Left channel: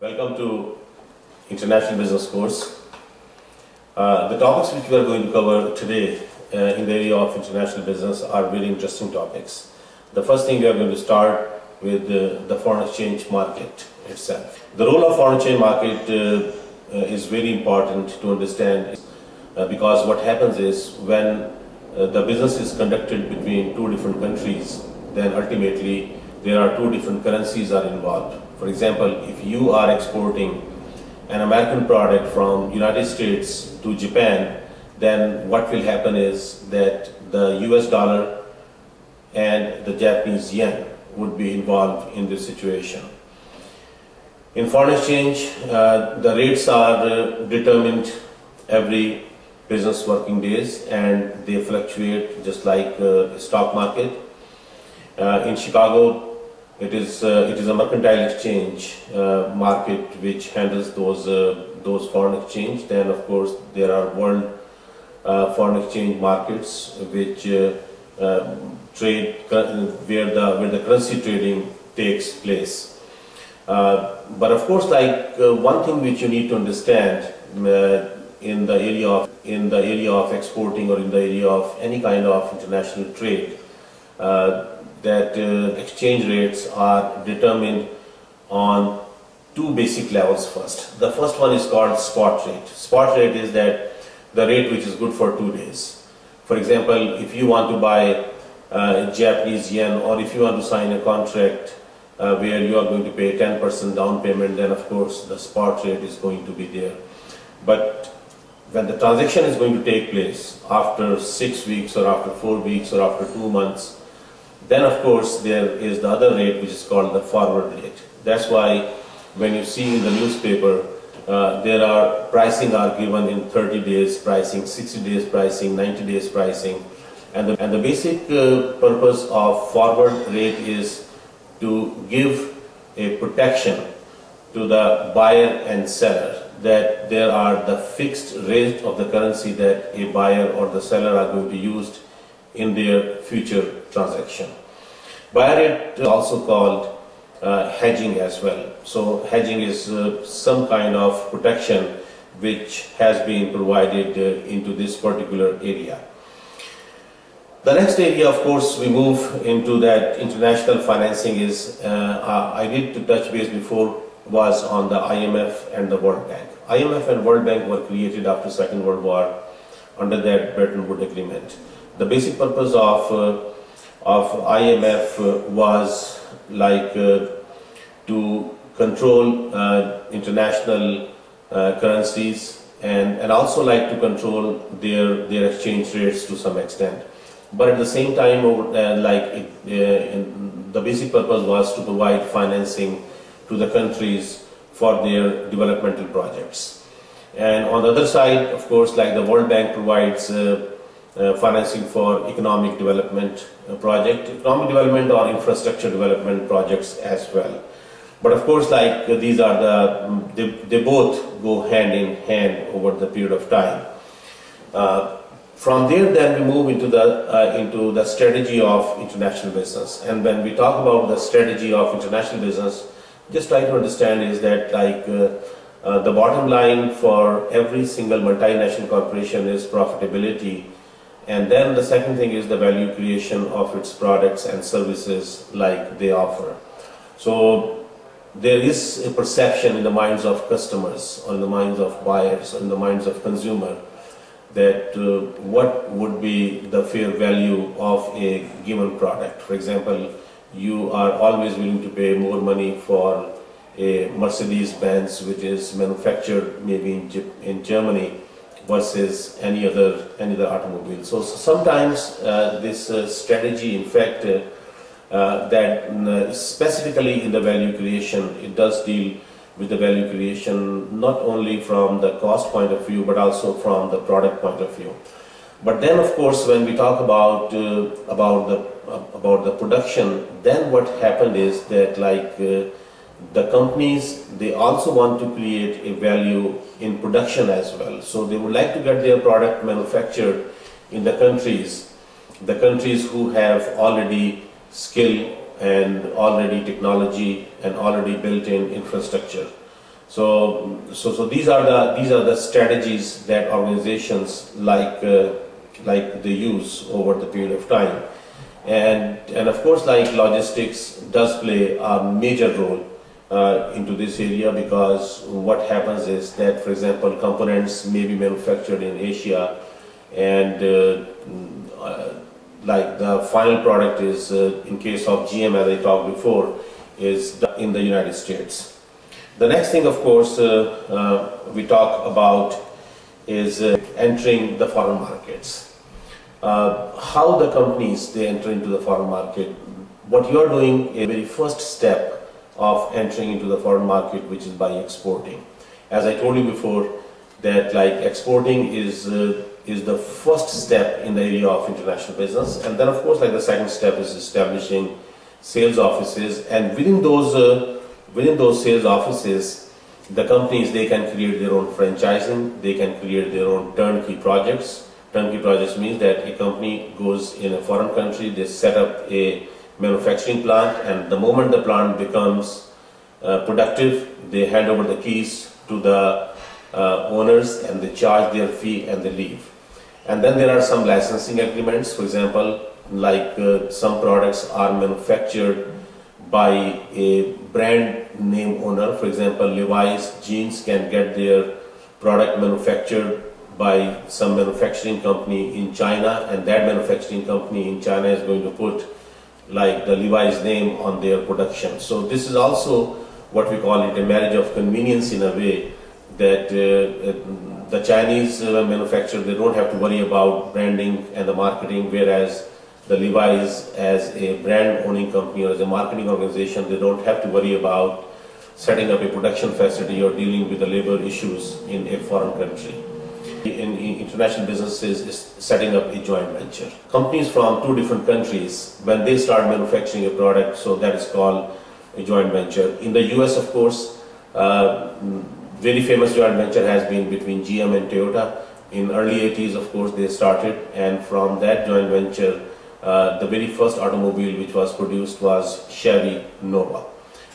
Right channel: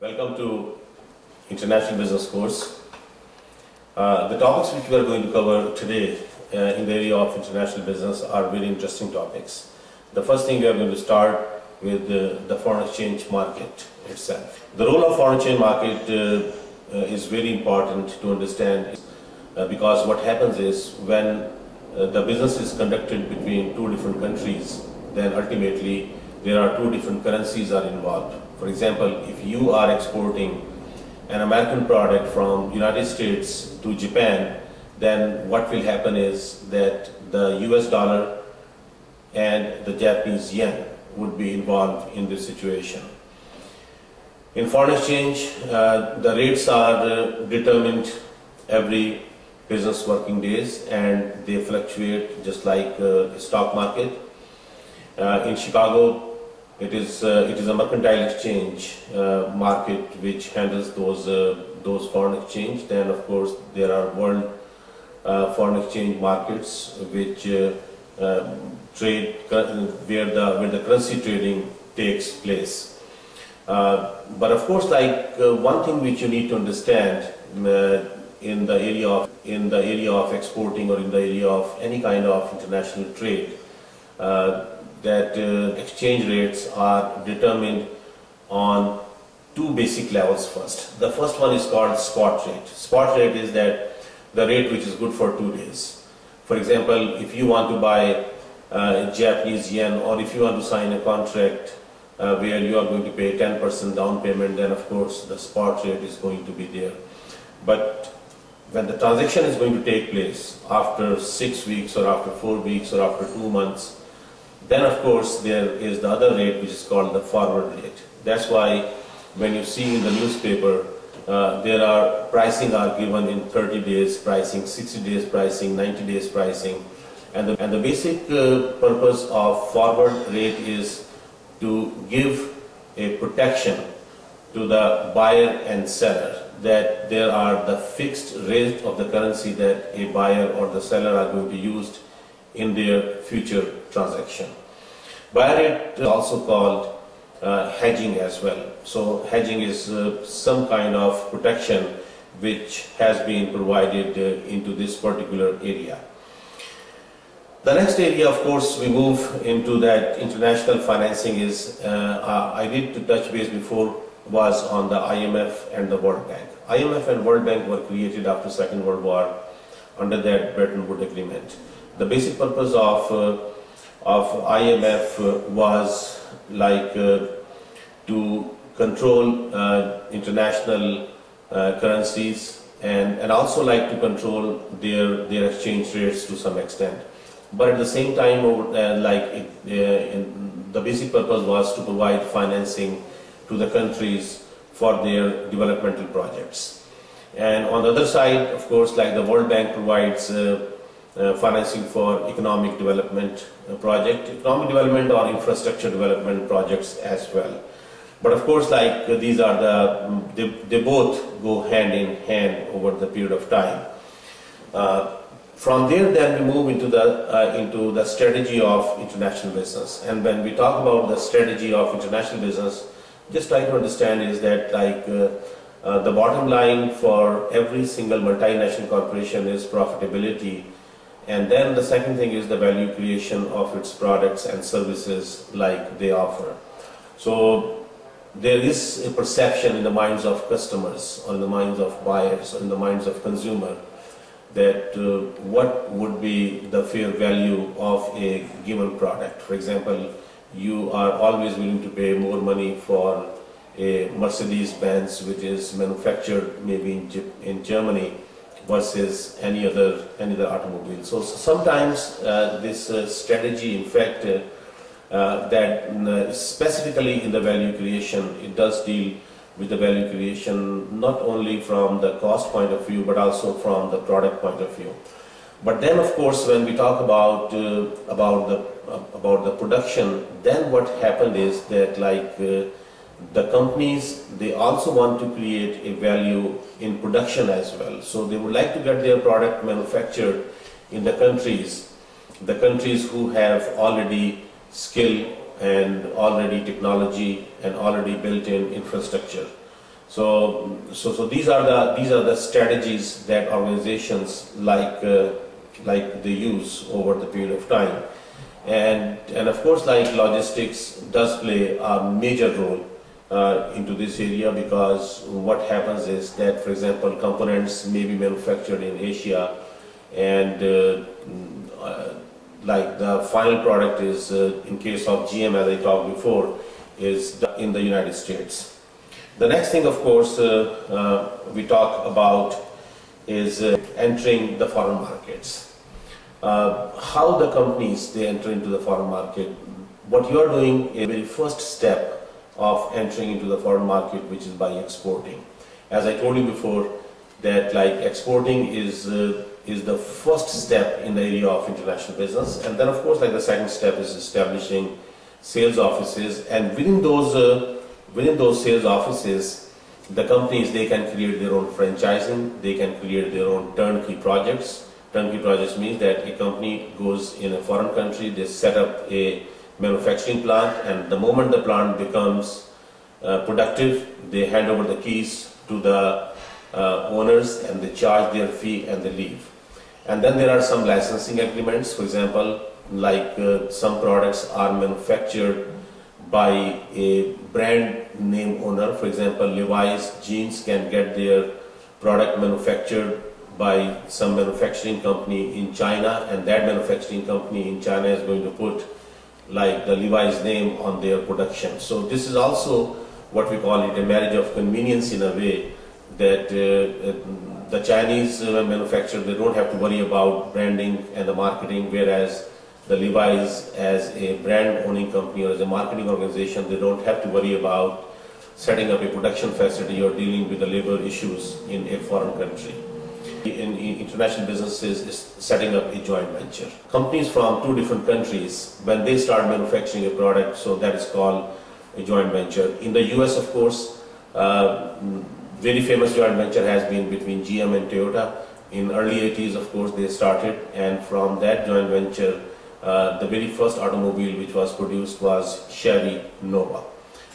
Welcome to International Business Course. The topics which we are going to cover today in the area of international business are very interesting topics. The first thing we are going to start with the foreign exchange market itself. The role of foreign exchange market is very important to understand because what happens is when the business is conducted between two different countries, then ultimately there are two different currencies are involved. For example, if you are exporting an American product from United States to Japan, then what will happen is that the US dollar and the Japanese yen would be involved in this situation. In foreign exchange, the rates are determined every business working days and they fluctuate just like a stock market. In Chicago, it is a mercantile exchange market which handles those foreign exchange. Then, of course, there are world foreign exchange markets which trade where the currency trading takes place. But of course, like one thing which you need to understand in the area of exporting or in the area of any kind of international trade, that exchange rates are determined on two basic levels first. The first one is called spot rate. Spot rate is that the rate which is good for 2 days. For example, if you want to buy Japanese yen, or if you want to sign a contract where you are going to pay 10% down payment, then of course the spot rate is going to be there. But when the transaction is going to take place after 6 weeks or after 4 weeks or after 2 months, then of course there is the other rate which is called the forward rate. That's why when you see in the newspaper there are pricing are given in 30 days pricing, 60 days pricing, 90 days pricing, and the basic purpose of forward rate is to give a protection to the buyer and seller that there are the fixed rate of the currency that a buyer or the seller are going to use in their future transaction. Buyer rate is also called hedging as well. So hedging is some kind of protection which has been provided into this particular area. The next area, of course, we move into that international financing is, I did to touch base before, was on the IMF and the World Bank. IMF and World Bank were created after Second World War under that Bretton Woods Agreement. The basic purpose of IMF was like to control international currencies and also like to control their exchange rates to some extent. But at the same time, the basic purpose was to provide financing to the countries for their developmental projects. And on the other side, of course, like the World Bank provides financing for economic development economic development or infrastructure development projects as well. But of course, like these are they both go hand in hand over the period of time. From there, then we move into the strategy of international business. And when we talk about the strategy of international business, just try to understand is that like the bottom line for every single multinational corporation is profitability. And then the second thing is the value creation of its products and services like they offer. So there is a perception in the minds of customers or in the minds of buyers or in the minds of consumer that what would be the fair value of a given product. For example, you are always willing to pay more money for a Mercedes-Benz which is manufactured maybe in Germany versus any other automobile. So sometimes this strategy, in fact, that specifically in the value creation, it does deal with the value creation not only from the cost point of view but also from the product point of view. But then, of course, when we talk about the production, then what happened is that like the companies, they also want to create a value in production as well. So they would like to get their product manufactured in the countries who have already skill and already technology and already built-in infrastructure. So these are the strategies that organizations like they use over the period of time, and of course, like logistics does play a major role into this area, because what happens is that, for example, components may be manufactured in Asia, and like the final product is, in case of GM, as I talked before, is in the United States. The next thing, of course, we talk about is entering the foreign markets. How the companies they enter into the foreign market. What you are doing is the very first step of entering into the foreign market, which is by exporting. As I told you before, that like exporting is the first step in the area of international business, and then of course, like the second step is establishing sales offices, and within those sales offices, the companies they can create their own franchising, they can create their own turnkey projects. Turnkey projects means that a company goes in a foreign country, they set up a manufacturing plant, and the moment the plant becomes productive, they hand over the keys to the owners, and they charge their fee and they leave. And then there are some licensing agreements. For example, like some products are manufactured by a brand name owner. For example, Levi's jeans can get their product manufactured by some manufacturing company in China, and that manufacturing company in China is going to put like the Levi's name on their production. So this is also what we call it a marriage of convenience, in a way that the Chinese manufacturer, they don't have to worry about branding and the marketing, whereas the Levi's, as a brand owning company or as a marketing organization, they don't have to worry about setting up a production facility or dealing with the labor issues in a foreign country. In international businesses is setting up a joint venture. Companies from two different countries, when they start manufacturing a product, so that is called a joint venture. In the US, of course, very famous joint venture has been between GM and Toyota. In early 80s, of course, they started, and from that joint venture, the very first automobile which was produced was Chevy Nova.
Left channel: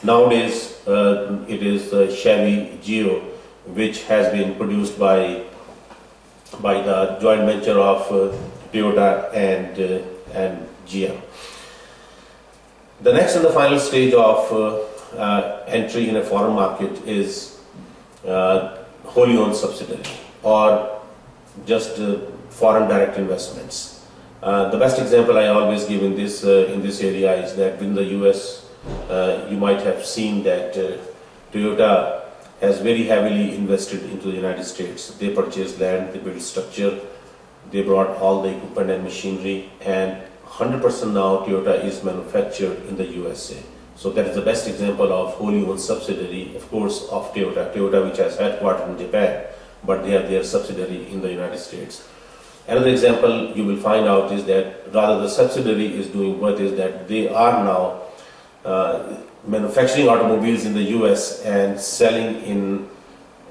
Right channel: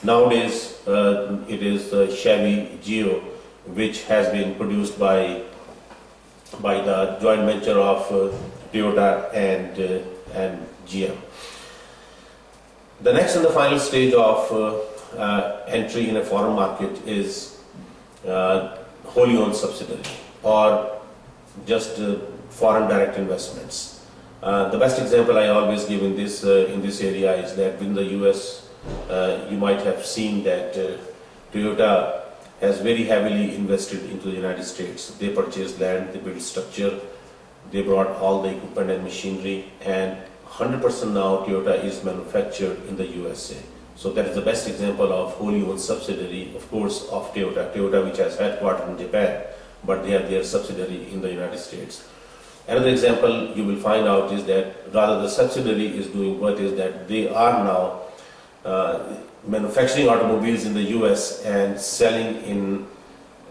Nowadays, it is Chevy Geo, which has been produced by the joint venture of Toyota and GM. The next and the final stage of entry in a foreign market is wholly owned subsidiary, or just foreign direct investments. The best example I always give in this area is that in the US, you might have seen that Toyota has very heavily invested into the United States. They purchased land, they built structure, they brought all the equipment and machinery, and 100% now Toyota is manufactured in the USA. So that is the best example of wholly owned subsidiary, of course, of Toyota. Toyota, which has headquarters in Japan, but they have their subsidiary in the United States. Another example you will find out is that rather the subsidiary is doing what is that they are now manufacturing automobiles in the US and selling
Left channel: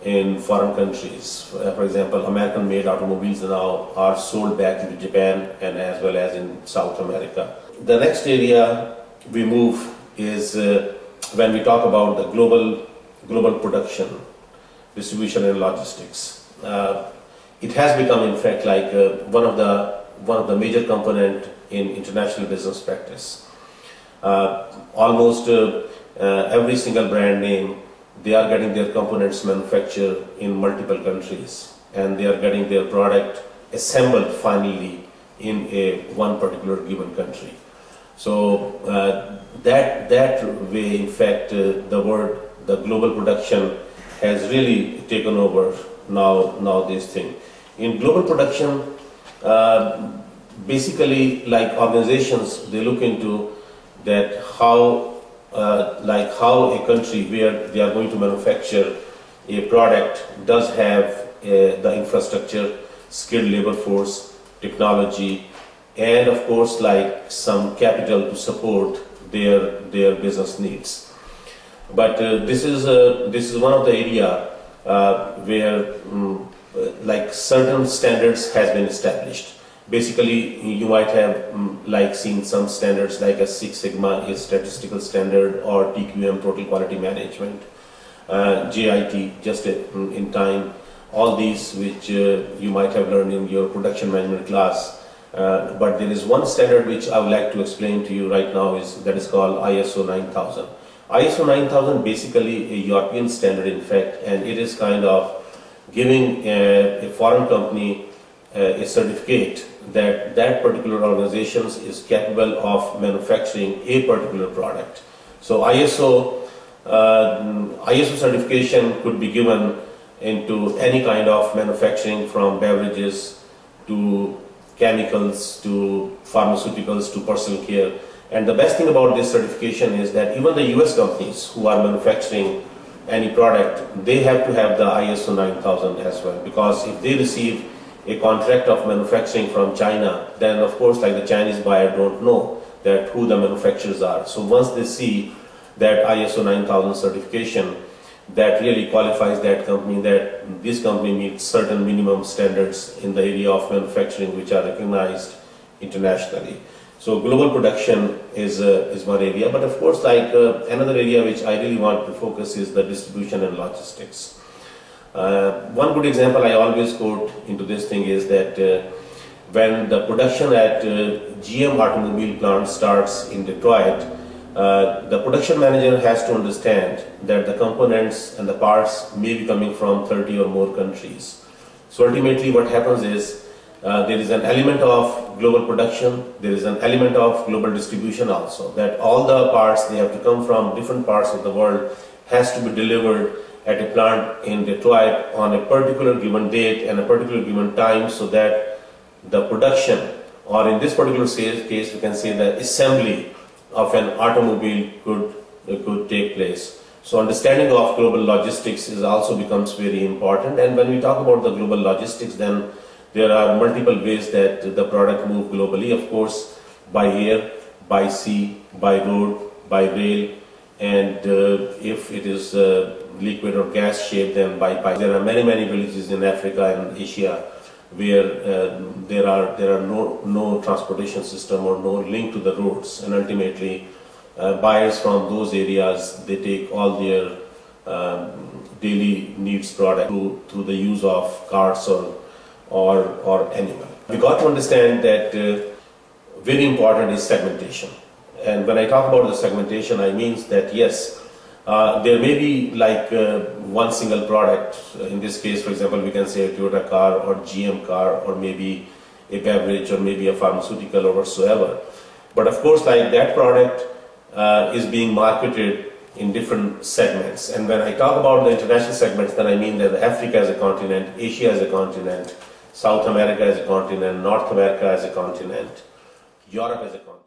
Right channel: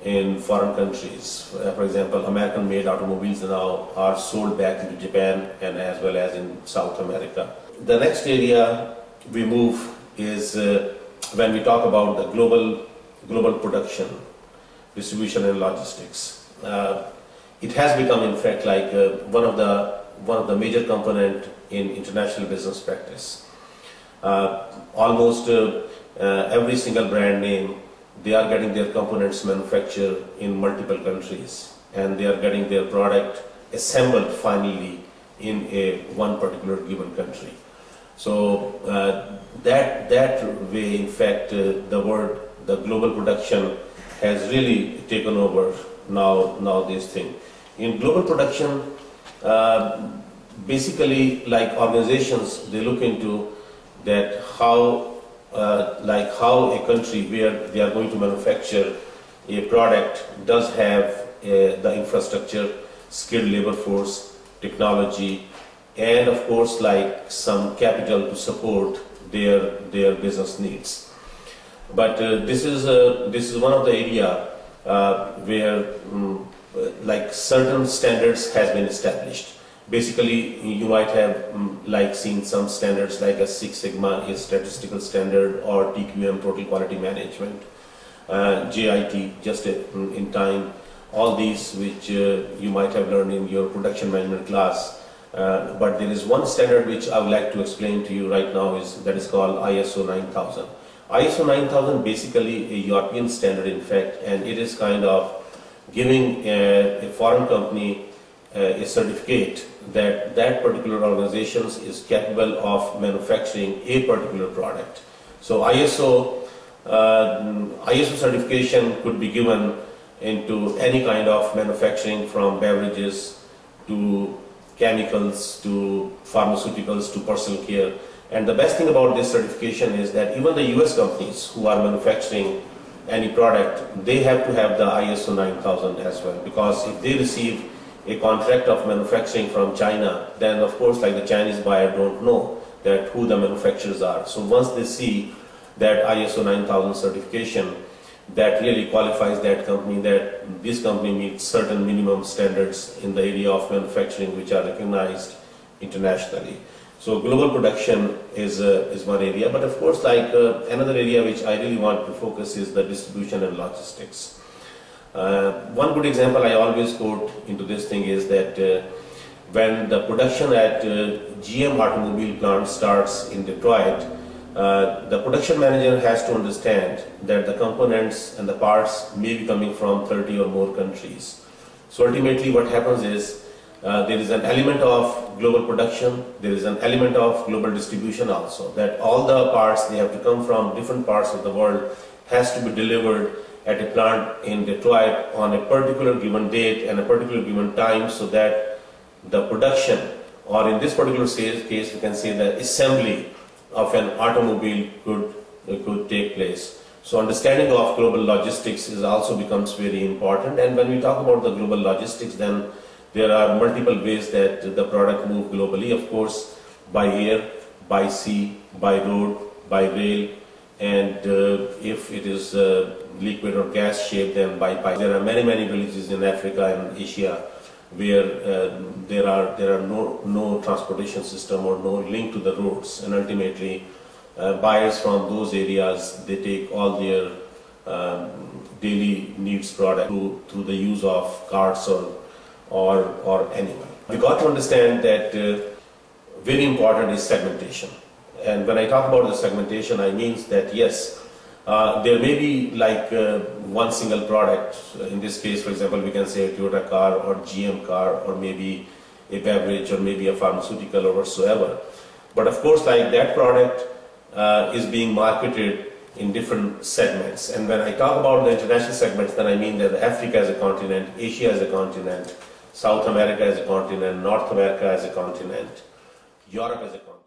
in foreign countries. For example, American-made automobiles now are sold back into Japan and as well as in South America. The next area we move is when we talk about the global production, distribution and logistics. It has become, in fact, like one of the major component in international business practice. Almost every single brand name, they are getting their components manufactured in multiple countries, and they are getting their product assembled finally in one particular given country. So that way, in fact, the global production has really taken over now this thing. In global production, basically, like organizations, they look into that how a country where they are going to manufacture a product does have the infrastructure, skilled labor force, technology, and of course like some capital to support their business needs. But this is one of the area where like certain standards has been established. Basically, you might have like seen some standards like a Six Sigma, a statistical standard, or TQM, Total Quality Management. JIT, just in time, all these which you might have learned in your production management class. But there is one standard which I would like to explain to you right now, that is called ISO 9000. ISO 9000 basically a European standard in fact, and it is kind of giving a foreign company a certificate that that particular organization is capable of manufacturing a particular product. So ISO certification could be given into any kind of manufacturing, from beverages to chemicals to pharmaceuticals to personal care. And the best thing about this certification is that even the US companies who are manufacturing any product, they have to have the ISO 9000 as well, because if they receive a contract of manufacturing from China, then of course like the Chinese buyer don't know that who the manufacturers are. So once they see that ISO 9000 certification, that really qualifies that company, that this company meets certain minimum standards in the area of manufacturing which are recognized internationally. So global production is one area, but of course like another area which I really want to focus is the distribution and logistics. One good example I always quote into this thing is that when the production at GM automobile plant starts in Detroit, the production manager has to understand that the components and the parts may be coming from 30 or more countries. So ultimately what happens is there is an element of global production, there is an element of global distribution also, that all the parts, they have to come from different parts of the world, has to be delivered at a plant in Detroit on a particular given date and a particular given time, so that the production, or in this particular case we can say the assembly of an automobile could take place. So understanding of global logistics also becomes very important. And when we talk about the global logistics, then there are multiple ways that the product move globally. Of course, by air, by sea, by road, by rail, and if it is liquid or gas shaped, then by pipe. There are many villages in Africa and Asia where there are no transportation system or no link to the roads, and ultimately buyers from those areas, they take all their daily needs product through the use of carts or animal. We got to understand that very important is segmentation. And when I talk about the segmentation, I mean that yes, there may be like one single product. In this case, for example, we can say a Toyota car or GM car, or maybe a beverage, or maybe a pharmaceutical or whatsoever. But of course, like that product is being marketed in different segments. And when I talk about the international segments, then I mean that Africa as a continent, Asia as a continent, South America as a continent, North America as a continent, Europe as a continent.